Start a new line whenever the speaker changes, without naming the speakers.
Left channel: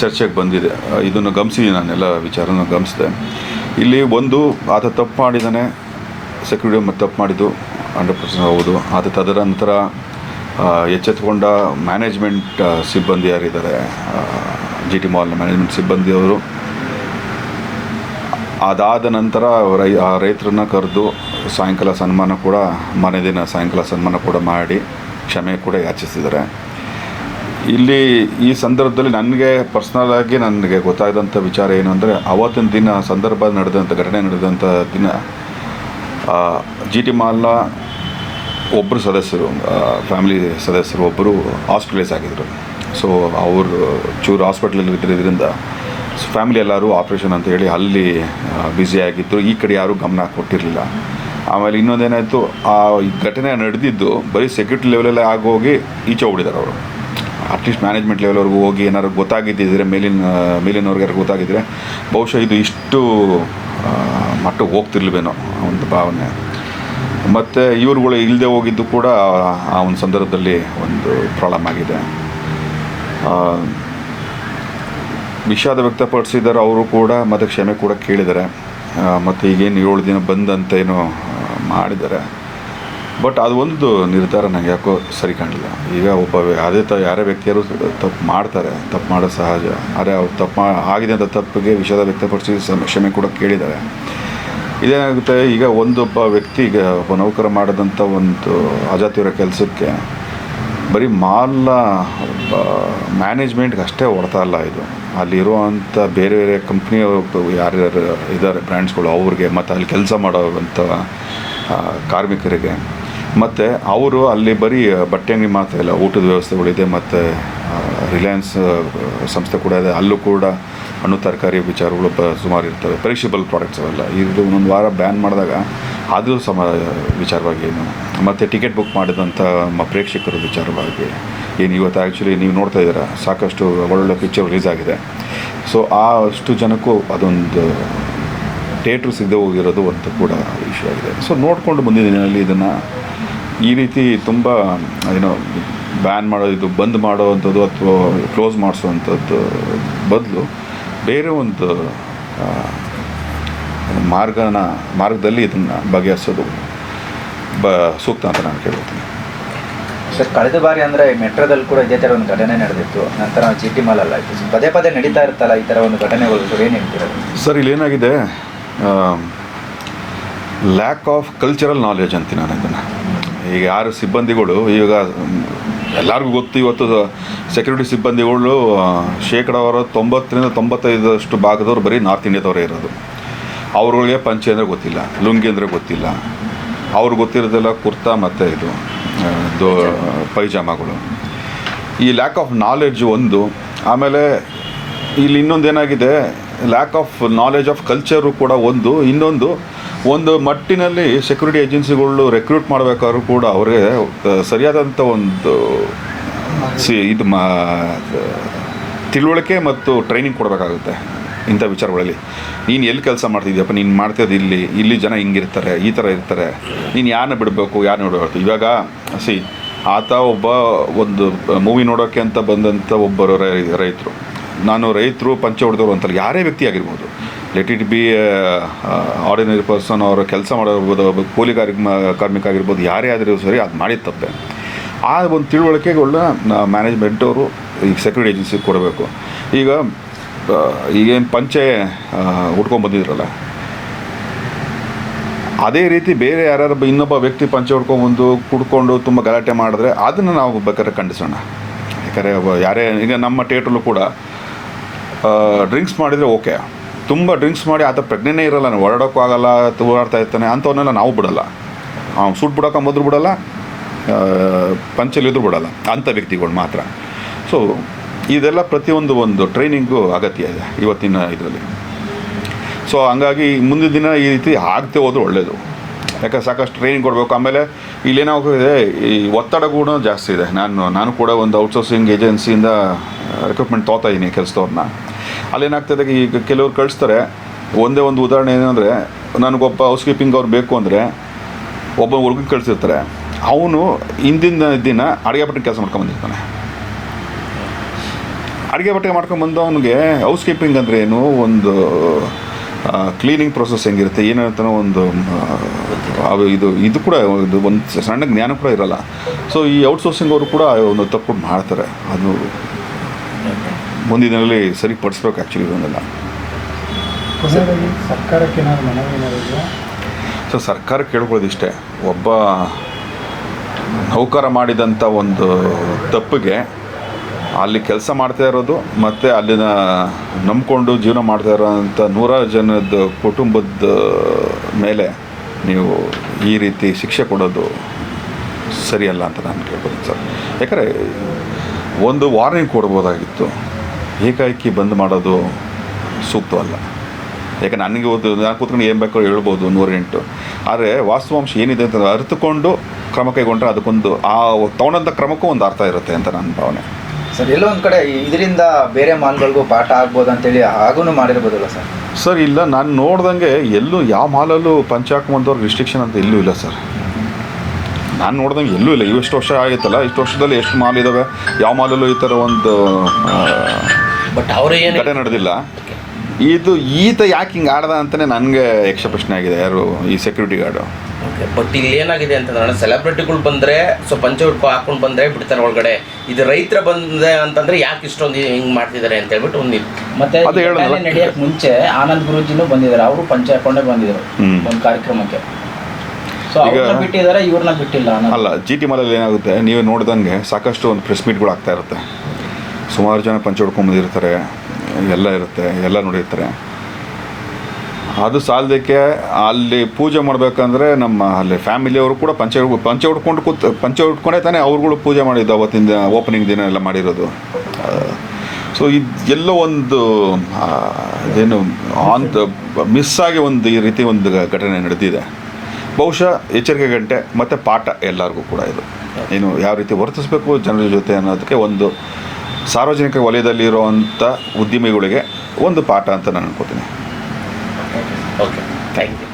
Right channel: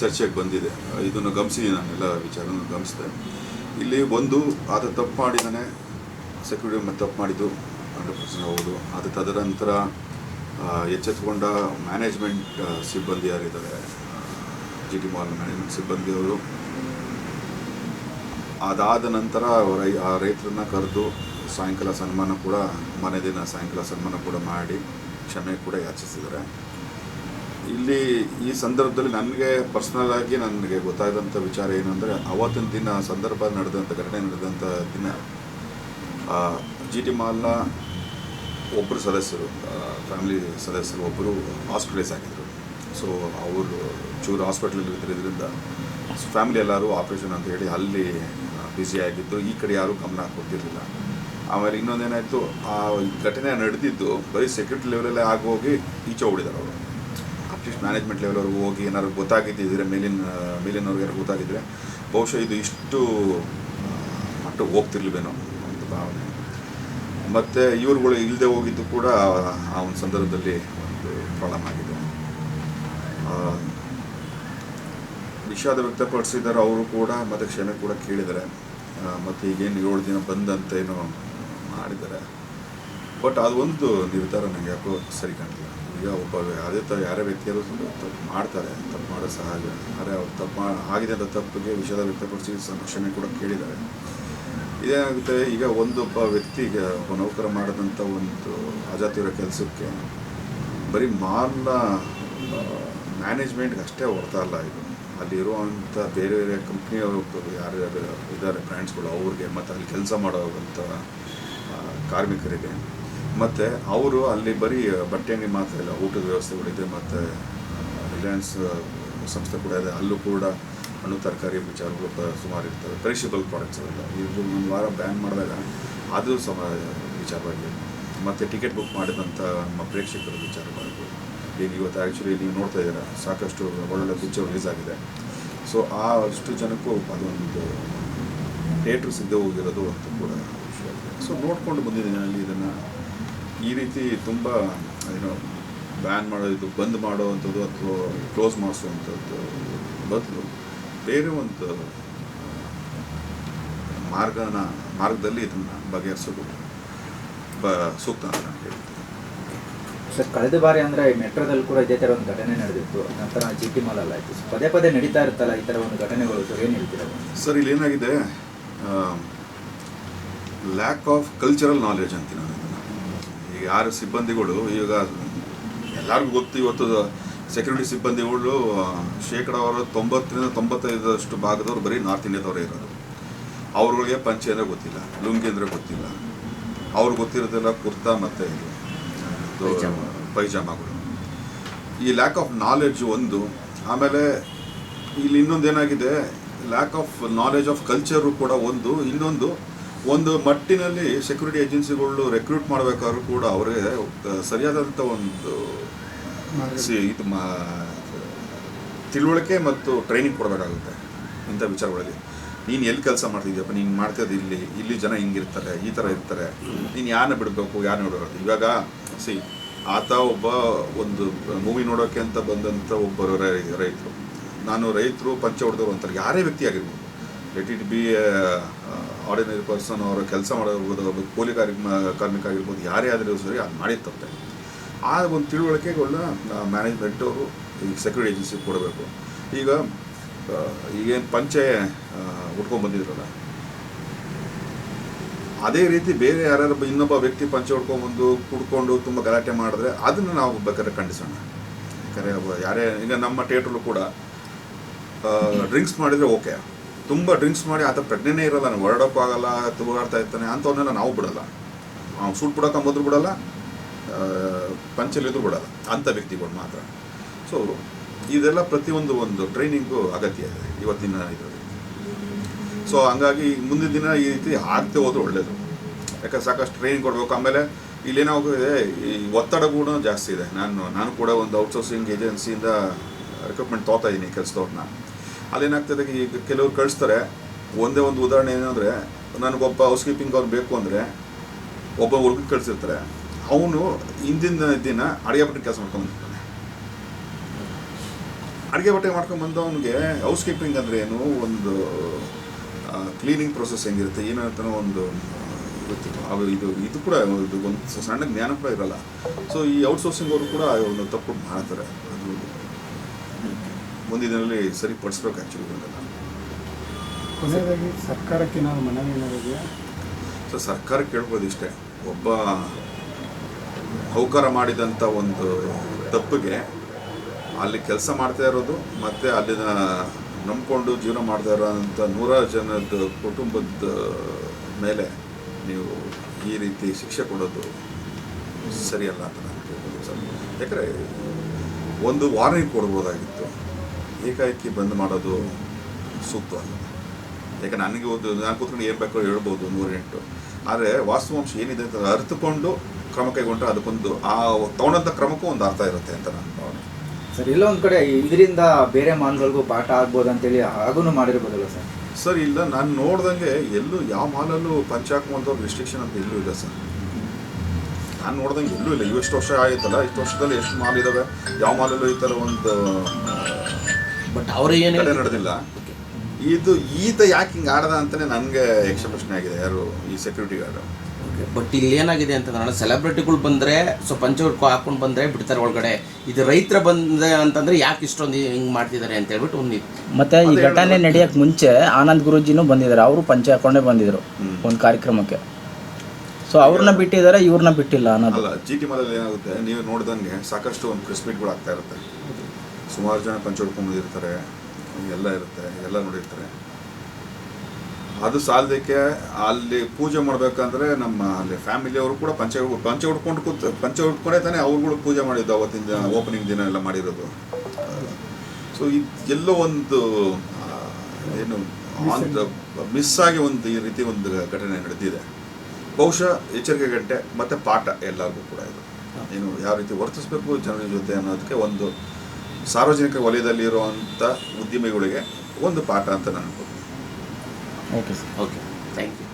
ಚರ್ಚೆಗೆ ಬಂದಿದೆ. ಇದನ್ನು ಗಮನಿಸಿ ನಾನೆಲ್ಲ ವಿಚಾರನ ಗಮನಿಸಿದೆ. ಇಲ್ಲಿ ಒಂದು, ಆತ ತಪ್ಪು ಮಾಡಿದ್ದಾನೆ. ಸೆಕ್ಯೂರಿಟಿ ಮತ್ತು ತಪ್ಪು ಮಾಡಿದ್ದು, ಹಂಡ್ರೆಡ್ ಪರ್ಸೆಂಟ್ ಹೌದು. ಆತ ತದನಂತರ ನಂತರ ಎಚ್ಚೆತ್ತುಕೊಂಡ ಮ್ಯಾನೇಜ್ಮೆಂಟ್ ಸಿಬ್ಬಂದಿ ಯಾರಿದ್ದಾರೆ? ಜಿ ಟಿ ಮಾಲ್ನ ಮ್ಯಾನೇಜ್ಮೆಂಟ್ ಸಿಬ್ಬಂದಿಯವರು ಅದಾದ ನಂತರ ರೈ, ಆ ರೈತರನ್ನ ಕರೆದು ಸಾಯಂಕಾಲ ಸನ್ಮಾನ ಕೂಡ, ಮನೆ ದಿನ ಸಾಯಂಕಾಲ ಸನ್ಮಾನ ಕೂಡ ಮಾಡಿ, ಕ್ಷಮೆ ಕೂಡ ಯಾಚಿಸಿದ್ದಾರೆ. ಇಲ್ಲಿ ಈ ಸಂದರ್ಭದಲ್ಲಿ ನನಗೆ ಪರ್ಸನಲ್ ಆಗಿ ನನಗೆ ಗೊತ್ತಾದಂಥ ವಿಚಾರ ಏನು ಅಂದರೆ, ಅವತ್ತಿನ ದಿನ ಸಂದರ್ಭ ನಡೆದಂಥ ಘಟನೆ ನಡೆದಂಥ ದಿನ ಜಿ ಟಿ ಮಾಲ್ನ ಒಬ್ಬರು ಸದಸ್ಯರು ಫ್ಯಾಮಿಲಿ ಸದಸ್ಯರು ಒಬ್ಬರು ಹಾಸ್ಪಿಟಲೈಸ್ ಆಗಿದ್ದರು ಸೊ ಅವರು ಚೂರು ಹಾಸ್ಪಿಟ್ಲಲ್ಲಿ ಇದ್ದಿದ್ದರಿಂದ ಫ್ಯಾಮಿಲಿ ಎಲ್ಲರೂ ಆಪ್ರೇಷನ್ ಅಂತ ಹೇಳಿ ಅಲ್ಲಿ ಬ್ಯುಸಿ ಆಗಿದ್ದರು ಈ ಕಡೆ ಯಾರೂ ಗಮನ ಕೊಟ್ಟಿರಲಿಲ್ಲ. ಆಮೇಲೆ ಇನ್ನೊಂದೇನಾಯಿತು, ಆ ಘಟನೆ ನಡೆದಿದ್ದು ಬರೀ ಸೆಕ್ಯೂರಿಟಿ ಲೆವೆಲಲ್ಲೇ ಆಗೋಗಿ ಈಚೆ ಓಡಿದ್ದಾರೆ ಅವರು. ಅಟ್ಲೀಸ್ಟ್ ಮ್ಯಾನೇಜ್ಮೆಂಟ್ ಲೆವೆಲ್ವರೆಗೂ ಹೋಗಿ ಏನಾದ್ರು ಗೊತ್ತಾಗಿದ್ದಿದ್ರೆ ಮೇಲಿನ ಮೇಲಿನವ್ರಿಗೆ ಯಾರು ಗೊತ್ತಾಗಿದ್ದರೆ ಬಹುಶಃ ಇದು ಇಷ್ಟು ಮಟ್ಟಕ್ಕೆ ಹೋಗ್ತಿರ್ಲಿವೇನೋ ಒಂದು ಭಾವನೆ. ಮತ್ತು ಇವರುಗಳು ಇಲ್ಲದೆ ಹೋಗಿದ್ದು ಕೂಡ ಆ ಒಂದು ಸಂದರ್ಭದಲ್ಲಿ ಒಂದು ಪ್ರಾಬ್ಲಮ್ ಆಗಿದೆ. ವಿಷಾದ ವ್ಯಕ್ತಪಡಿಸಿದ್ದಾರೆ ಅವರು ಕೂಡ ಮತ್ತು ಕ್ಷಮೆ ಕೂಡ ಕೇಳಿದ್ದಾರೆ. ಮತ್ತು ಈಗೇನು ಏಳು ದಿನ ಬಂದಂತ ಏನೋ ಮಾಡಿದ್ದಾರೆ. ಬಟ್ ಅದು ಒಂದು ನಿರ್ಧಾರ ನನಗೆ ಯಾಕೋ ಸರಿ ಕಾಣಲಿಲ್ಲ. ಈಗ ಒಬ್ಬ ಅದೇ ತ, ಯಾರೇ ವ್ಯಕ್ತಿಯರು ತಪ್ಪು ಮಾಡ್ತಾರೆ. ತಪ್ಪು ಮಾಡೋ ಸಹಜ. ಆದರೆ ಅವ್ರು ತಪ್ಪು ಆಗಿದೆ ಅಂತ ತಪ್ಪಿಗೆ ವಿಷಾದ ವ್ಯಕ್ತಪಡಿಸಿ ಕ್ಷಮೆ ಕೂಡ ಕೇಳಿದ್ದಾರೆ. ಇದೇನಾಗುತ್ತೆ, ಈಗ ಒಂದೊಬ್ಬ ವ್ಯಕ್ತಿಗೆ ಒಬ್ಬ ನೌಕರ ಮಾಡಿದಂಥ ಒಂದು ಅಜಾತಿಯವರ ಕೆಲಸಕ್ಕೆ ಬರೀ ಮಾಲ್ನ ಮ್ಯಾನೇಜ್ಮೆಂಟ್ಗೆ ಅಷ್ಟೇ ಹೊಡ್ತಾ ಇಲ್ಲ ಇದು. ಅಲ್ಲಿರುವಂಥ ಬೇರೆ ಬೇರೆ ಕಂಪ್ನಿಯವರು ಯಾರ್ಯಾರು ಇದ್ದಾರೆ, ಬ್ರ್ಯಾಂಡ್ಸ್ಗಳು ಅವ್ರಿಗೆ, ಮತ್ತು ಅಲ್ಲಿ ಕೆಲಸ ಮಾಡೋವಂಥ ಕಾರ್ಮಿಕರಿಗೆ. ಮತ್ತು ಅವರು ಅಲ್ಲಿ ಬರೀ ಬಟ್ಟೆ ಅಂಗಡಿ ಮಾತ್ರ ಇಲ್ಲ, ಊಟದ ವ್ಯವಸ್ಥೆಗಳಿದೆ ಮತ್ತು ರಿಲಯನ್ಸ್ ಸಂಸ್ಥೆ ಕೂಡ ಇದೆ. ಅಲ್ಲೂ ಕೂಡ ಹಣ್ಣು, ತರಕಾರಿ ವಿಚಾರಗಳು ಬ, ಸುಮಾರು ಇರ್ತವೆ. ಪೆರಿಷಬಲ್ ಪ್ರಾಡಕ್ಟ್ಸ್ ಅವೆಲ್ಲ. ಇದು ಒಂದೊಂದು ವಾರ ಬ್ಯಾನ್ ಮಾಡಿದಾಗ ಅದು ಸಮ ವಿಚಾರವಾಗಿ ಏನು, ಮತ್ತು ಟಿಕೆಟ್ ಬುಕ್ ಮಾಡಿದಂಥ ನಮ್ಮ ಪ್ರೇಕ್ಷಕರ ವಿಚಾರವಾಗಿ ಏನು, ಇವತ್ತು ಆ್ಯಕ್ಚುಲಿ ನೀವು ನೋಡ್ತಾ ಇದ್ದೀರಾ, ಸಾಕಷ್ಟು ಒಳ್ಳೊಳ್ಳೆ ಪಿಕ್ಚರ್ ರಿಲೀಸ್ ಆಗಿದೆ. ಸೊ ಆ ಅಷ್ಟು ಜನಕ್ಕೂ ಅದೊಂದು ಥಿಯೇಟ್ರ್ ಸಿಗದೆ ಹೋಗಿರೋದು ಒಂದು ಕೂಡ ವಿಷಯ ಆಗಿದೆ. ಸೊ ನೋಡಿಕೊಂಡು ಮುಂದಿನ ದಿನದಲ್ಲಿ ಇದನ್ನು ಈ ರೀತಿ ತುಂಬ ಏನೋ ಬ್ಯಾನ್ ಮಾಡೋದು ಬಂದ್ ಮಾಡೋವಂಥದ್ದು ಅಥವಾ ಕ್ಲೋಸ್ ಮಾಡಿಸುವಂಥದ್ದು ಬದಲು ಬೇರೆ ಒಂದು ಮಾರ್ಗನ ಮಾರ್ಗದಲ್ಲಿ ಇದನ್ನು ಬಗೆಹರಿಸೋದು ಬ ಸೂಕ್ತ ಅಂತ ನಾನು ಕೇಳ್ತೀನಿ
ಸರ್ ಕಳೆದ ಬಾರಿ ಅಂದರೆ ಮೆಟ್ರೋದಲ್ಲಿ ಕೂಡ ಇದೇ ಥರ ಒಂದು ಘಟನೆ ನಡೆದಿತ್ತು. ನಂತರ ಜಿ ಟಿ ಮಾಲ್ ಅಲ್ಲ ಪದೇ ಪದೇ ನಡೀತಾ ಇರುತ್ತಲ್ಲ ಈ ಥರ ಒಂದು ಘಟನೆಗಳು? ಸರ್ ಏನು ಹೇಳ್ತೀರಾ?
ಸರ್ ಇಲ್ಲೇನಾಗಿದೆ ಲ್ಯಾಕ್ ಆಫ್ ಕಲ್ಚರಲ್ ನಾಲೆಜ್ ಅಂತೀನಿ ನಾನು ಇದನ್ನು. ಈಗ ಯಾರು ಸಿಬ್ಬಂದಿಗಳು, ಈಗ ಎಲ್ಲರಿಗೂ ಗೊತ್ತು ಇವತ್ತು ಸೆಕ್ಯೂರಿಟಿ ಸಿಬ್ಬಂದಿಗಳು ಶೇಕಡಾವಾರು ತೊಂಬತ್ತರಿಂದ ತೊಂಬತ್ತೈದಷ್ಟು ಭಾಗದವ್ರು ಬರೀ ನಾರ್ತ್ ಇಂಡಿಯಾದವರೇ ಇರೋದು. ಅವ್ರಿಗೆ ಪಂಚೆ ಅಂದರೆ ಗೊತ್ತಿಲ್ಲ, ಲುಂಗಿ ಅಂದರೆ ಗೊತ್ತಿಲ್ಲ. ಅವ್ರಿಗೆ ಗೊತ್ತಿರೋದೆಲ್ಲ ಕುರ್ತಾ ಮತ್ತು ಇದು ದೋ, ಪೈಜಾಮಾಗಳು. ಈ ಲ್ಯಾಕ್ ಆಫ್ ನಾಲೆಡ್ಜ್ ಒಂದು, ಆಮೇಲೆ ಇಲ್ಲಿ ಇನ್ನೊಂದು ಏನಾಗಿದೆ lack of knowledge of culture ಕೂಡ ಒಂದು, ಇನ್ನೊಂದು ಒಂದು ಮಟ್ಟಿನಲ್ಲಿ ಸೆಕ್ಯೂರಿಟಿ ಏಜೆನ್ಸಿಗಳು ರೆಕ್ರೂಟ್ ಮಾಡಬೇಕಾದ್ರೂ ಕೂಡ ಅವರಿಗೆ ಸರಿಯಾದಂಥ ಒಂದು, ಸಿ, ಇದು ಮಾ ತಿಳುವಳಿಕೆ ಮತ್ತು ಟ್ರೈನಿಂಗ್ ಕೊಡಬೇಕಾಗುತ್ತೆ ಇಂಥ ವಿಚಾರಗಳಲ್ಲಿ. ನೀನು ಎಲ್ಲಿ ಕೆಲಸ ಮಾಡ್ತಿದ್ಯಪ್ಪ? ನೀನು ಮಾಡ್ತಿದ್ದು ಇಲ್ಲಿ. ಇಲ್ಲಿ ಜನ ಹಿಂಗಿರ್ತಾರೆ, ಈ ಥರ ಇರ್ತಾರೆ. ನೀನು ಯಾರನ್ನ ಬಿಡಬೇಕು? ಯಾರನ್ನ ಬಿಡಬೇಕು ಇವಾಗ, ಸಿ, ಆತ ಒಬ್ಬ ಒಂದು ಮೂವಿ ನೋಡೋಕ್ಕೆ ಅಂತ ಬಂದಂಥ ಒಬ್ಬರು ರೈತರು. ನಾನು ರೈತರು, ಪಂಚ ಹೊಡೆದವರು ಅಂತಲ್ಲ, ಯಾರೇ ವ್ಯಕ್ತಿ ಆಗಿರ್ಬೋದು. Let it be ordinary person ಅವರು ಕೆಲಸ ಮಾಡಿರ್ಬೋದು ಒಬ್ಬ ಕೂಲಿ ಕಾರ್ಮಿಕ ಆಗಿರ್ಬೋದು ಯಾರೇ ಆದರೂ ಸರಿ ಅದು ಮಾಡಿದ ತಪ್ಪೆ. ಆ ಒಂದು ತಿಳುವಳಿಕೆಗಳನ್ನ ಮ್ಯಾನೇಜ್ಮೆಂಟ್ ಅವರು ಈಗ ಸೆಕ್ಯೂರಿಟಿ ಏಜೆನ್ಸಿಗೆ ಕೊಡಬೇಕು. ಈಗ ಈಗೇನು ಪಂಚೆ ಉಟ್ಕೊಂಡು ಬಂದಿದ್ರಲ್ಲ. ಅದೇ ರೀತಿ ಬೇರೆ ಯಾರ್ಯಾರು ಇನ್ನೊಬ್ಬ ವ್ಯಕ್ತಿ ಪಂಚೆ ಹೊಡ್ಕೊಂಬಂದು ಕುಡ್ಕೊಂಡು ತುಂಬ ಗಲಾಟೆ ಮಾಡಿದ್ರೆ ಅದನ್ನು ನಾವು ಬೇಕಾದ್ರೆ ಖಂಡಿಸೋಣ. ಯಾಕಂದರೆ ಯಾರೇ, ಈಗ ನಮ್ಮ ಥಿಯೇಟ್ರಲ್ಲೂ ಕೂಡ ಡ್ರಿಂಕ್ಸ್ ಮಾಡಿದರೆ ಓಕೆ. ತುಂಬ ಡ್ರಿಂಕ್ಸ್ ಮಾಡಿ, ಆತ ಪ್ರಜ್ಞೆನೇ ಇರಲ್ಲ, ನಾನು ಹೊರಡೋಕ್ಕೂ ಆಗಲ್ಲ ತೂರಾಡ್ತಾ ಇರ್ತಾನೆ ಅಂಥವನ್ನೆಲ್ಲ ನಾವು ಬಿಡಲ್ಲ. ಅವ್ನು ಸೂಟ್ ಮೊದಲು ಬಿಡಲ್ಲ ಪಂಚಲಿದ್ರು ಬಿಡಲ್ಲ, ಅಂಥ ವ್ಯಕ್ತಿಗಳು ಮಾತ್ರ. ಸೊ ಇದೆಲ್ಲ ಪ್ರತಿಯೊಂದು ಒಂದು ಟ್ರೈನಿಂಗು ಅಗತ್ಯ ಇದೆ ಇವತ್ತಿನ ಇದರಲ್ಲಿ. ಸೊ ಹಂಗಾಗಿ ಮುಂದಿನ ದಿನ ಈ ರೀತಿ ಆಗ್ತೇ ಹೋದ್ರೆ ಒಳ್ಳೆಯದು ಯಾಕಂದ್ರೆ ಸಾಕಷ್ಟು ಟ್ರೈನಿಂಗ್ ಕೊಡಬೇಕು. ಆಮೇಲೆ ಇಲ್ಲೇನಾಗಿದೆ ಈ ಒತ್ತಡ ಕೂಡ ಜಾಸ್ತಿ ಇದೆ. ನಾನು ನಾನು ಕೂಡ ಒಂದು ಔಟ್ಸೋರ್ಸಿಂಗ್ ಏಜೆನ್ಸಿಯಿಂದ ರಿಕ್ರೂಟ್ಮೆಂಟ್ ತೊಗೋತಾ ಇದ್ದೀನಿ ಕೆಲಸದವ್ರನ್ನ ಅಲ್ಲೇನಾಗ್ತದೆ ಈಗ ಕೆಲವ್ರು ಕಳಿಸ್ತಾರೆ, ಒಂದೇ ಒಂದು ಉದಾಹರಣೆ ಏನಂದರೆ, ನನಗೊಬ್ಬ ಹೌಸ್ ಕೀಪಿಂಗ್ ಅವ್ರು ಬೇಕು ಅಂದರೆ ಒಬ್ಬ ಹುಡುಗ ಕಳಿಸಿರ್ತಾರೆ. ಅವನು ಹಿಂದಿನ ದಿನ ಅಡುಗೆ ಬಟ್ಟೆ ಕೆಲಸ ಮಾಡ್ಕೊಂಬಂದಿರ್ತಾನೆ ಅಡುಗೆ ಬಟ್ಟೆ ಮಾಡ್ಕೊಂಬಂದು ಅವನಿಗೆ ಹೌಸ್ ಕೀಪಿಂಗ್ ಅಂದರೆ ಏನು? ಒಂದು ಕ್ಲೀನಿಂಗ್ ಪ್ರೊಸೆಸ್ ಹೆಂಗಿರುತ್ತೆ? ಏನು ಅಂತಾನೋ ಒಂದು ಇದು ಇದು ಕೂಡ ಇದು ಒಂದು ಸಣ್ಣ ಜ್ಞಾನ ಕೂಡ ಇರಲ್ಲ. ಸೊ ಈ ಔಟ್ಸೋರ್ಸಿಂಗ್ ಅವರು ಕೂಡ ಒಂದು ತಪ್ಪು ಮಾಡ್ತಾರೆ. ಅದು ಮುಂದಿನ ದಿನದಲ್ಲಿ ಸರಿಪಡಿಸ್ಬೇಕು ಆ್ಯಕ್ಚುಲಿ ಇದನ್ನೆಲ್ಲ
ಸರ್ಕಾರಕ್ಕೆ
ಸೊ ಸರ್ಕಾರ ಕೇಳ್ಬೋದು ಇಷ್ಟೇ. ಒಬ್ಬ ನೌಕರ ಮಾಡಿದಂಥ ಒಂದು ತಪ್ಪಿಗೆ ಅಲ್ಲಿ ಕೆಲಸ ಮಾಡ್ತಾ ಇರೋದು ಮತ್ತು ಅಲ್ಲಿನ ನಂಬಿಕೊಂಡು ಜೀವನ ಮಾಡ್ತಾ ಇರೋಂಥ ನೂರಾರು ಜನದ ಕುಟುಂಬದ ಮೇಲೆ ನೀವು ಈ ರೀತಿ ಶಿಕ್ಷೆ ಕೊಡೋದು ಸರಿಯಲ್ಲ ಅಂತ ನಾನು ಕೇಳ್ಬೋದು ಸರ್. ಯಾಕಂದರೆ ಒಂದು ವಾರ್ನಿಂಗ್ ಕೊಡ್ಬೋದಾಗಿತ್ತು. ಏಕಾಏಕಿ ಬಂದ್ ಮಾಡೋದು ಸೂಕ್ತವಲ್ಲ ಯಾಕಂದ್ರೆ ನನಗೆ ಒಂದು ನಾನು ಕೂತ್ಕೊಂಡು ಏನು ಬೇಕು ಹೇಳ್ಬೋದು ನೂರೆಂಟು. ಆದರೆ ವಾಸ್ತವಾಂಶ ಏನಿದೆ ಅಂತ ಅರ್ಥಕೊಂಡು ಕ್ರಮ ಕೈಗೊಂಡ್ರೆ ಅದಕ್ಕೊಂದು ಆ ತಗೊಂಡಂಥ ಕ್ರಮಕ್ಕೂ ಒಂದು ಅರ್ಥ ಇರುತ್ತೆ ಅಂತ ನನ್ನ ಭಾವನೆ.
ಸರ್ ಎಲ್ಲೋ ಒಂದು ಕಡೆ ಇದರಿಂದ ಬೇರೆ ಮಾಲ್ಗಳಿಗೂ ಪಾಠ ಆಗ್ಬೋದು ಅಂತೇಳಿ ಹಾಗೂ ಮಾಡಿರ್ಬೋದಲ್ಲ ಸರ್?
ಸರ್ ಇಲ್ಲ ನಾನು ನೋಡ್ದಂಗೆ ಎಲ್ಲೂ ಯಾವ ಮಾಲಲ್ಲೂ ಪಂಚಾಕಮಂದವ್ರಿಗೆ ರಿಸ್ಟ್ರಿಕ್ಷನ್ ಅಂತ ಎಲ್ಲೂ ಇಲ್ಲ ಸರ್. ನಾನು ನೋಡ್ದಂಗೆ ಎಲ್ಲೂ ಇಲ್ಲ. ಇಷ್ಟು ವರ್ಷ ಆಗಿತ್ತಲ್ಲ ಇಷ್ಟು ವರ್ಷದಲ್ಲಿ ಎಷ್ಟು ಮಾಲ್ ಇದ್ದಾವೆ ಯಾವ ಮಾಲಲ್ಲೂ ಈ ಥರ ಒಂದು
ಬಟ್ ಅವರು ಏನು
ನಡೆದಿಲ್ಲ. ಇದು ಈತ ಯಾಕೆ ಹಿಂಗೆ ಆಡ್ದ ಅಂತಲೇ ನನಗೆ ಯಕ್ಷ ಪ್ರಶ್ನೆ ಆಗಿದೆ ಯಾರು ಈ ಸೆಕ್ಯೂರಿಟಿ ಗಾರ್ಡು
ಬಟ್ ಇಲ್ಲಿ ಏನಾಗಿದೆ ಅಂತಂದ್ರೆ ಸೆಲೆಬ್ರಿಟಿಗಳು ಬಂದ್ರೆ ಸೊ ಪಂಚ ಉಟ್ಕೊ ಹಾಕೊಂಡು ಬಂದ್ರೆ ಬಿಡ್ತಾರೆ ಒಳಗಡೆ. ಇದು ರೈತರ ಬಂದೆ ಅಂತಂದ್ರೆ ಯಾಕೆ ಇಷ್ಟೊಂದು ಹಿಂಗ್ ಮಾಡ್ತಿದ್ದಾರೆ ಅಂತ ಹೇಳ್ಬಿಟ್ಟು ಒಂದು
ಮತ್ತೆ
ಅದೇ
ಈ ನಡೆಯಕ್ ಮುಂಚೆ ಆನಂದ್ ಗುರುಜಿನೂ ಬಂದಿದ್ದಾರೆ. ಅವರು ಪಂಚ ಹಾಕೊಂಡೇ ಬಂದಿದ್ರು. ಒಂದು ಕಾರ್ಯಕ್ರಮಕ್ಕೆ. ಸೊ ಅವ್ರನ್ನ ಬಿಟ್ಟಿದ್ದಾರೆ ಇವ್ರನ್ನ ಬಿಟ್ಟಿಲ್ಲ ಅನ್ನೋದು.
ಅಲ್ಲ ಜಿ ಟಿ ಮಾಲಲ್ಲಿ ಏನಾಗುತ್ತೆ ನೀವು ನೋಡ್ದಂಗೆ ಸಾಕಷ್ಟು ಒಂದು ಪ್ರೆಸ್ ಮೀಟ್ಗಳು ಆಗ್ತಾ ಇರುತ್ತೆ. ಸುಮಾರು ಜನ ಪಂಚ ಹೊಡ್ಕೊಂಬಂದಿರ್ತಾರೆ ಎಲ್ಲ ಇರುತ್ತೆ ಎಲ್ಲ ನೋಡಿರ್ತಾರೆ. ಅದು ಸಾಲದಕ್ಕೆ ಅಲ್ಲಿ ಪೂಜೆ ಮಾಡಬೇಕಂದ್ರೆ ನಮ್ಮ ಅಲ್ಲಿ ಫ್ಯಾಮಿಲಿಯವರು ಕೂಡ ಪಂಚ ಪಂಚ ಉಟ್ಕೊಂಡು ಕೂತ್ ಪಂಚ ಉಟ್ಕೊಂಡೇ ತಾನೇ ಅವ್ರುಗಳು ಪೂಜೆ ಮಾಡಿದ್ದು ಅವತ್ತಿನ ದಿನ ಓಪನಿಂಗ್ ದಿನ ಎಲ್ಲ ಮಾಡಿರೋದು. ಸೊ ಇದು ಎಲ್ಲೋ ಒಂದು ಆ, ಏನು ಆನ್ ಮಿಸ್ ಆಗಿ ಒಂದು ಈ ರೀತಿ ಒಂದು ಘಟನೆ ನಡೆದಿದೆ. ಬಹುಶಃ ಎಚ್ಚರಿಕೆ ಗಂಟೆ ಮತ್ತು ಪಾಠ ಎಲ್ಲರಿಗೂ ಕೂಡ ಇದು. ಏನು ಯಾವ ರೀತಿ ವರ್ತಿಸಬೇಕು ಜನರ ಜೊತೆ ಅನ್ನೋದಕ್ಕೆ ಒಂದು ಸಾರ್ವಜನಿಕ ವಲಯದಲ್ಲಿರುವಂಥ ಉದ್ಯಮಿಗಳಿಗೆ ಒಂದು ಪಾಠ ಅಂತ ನಾನು ಅನ್ಕೋತೀನಿ.
Okay thank you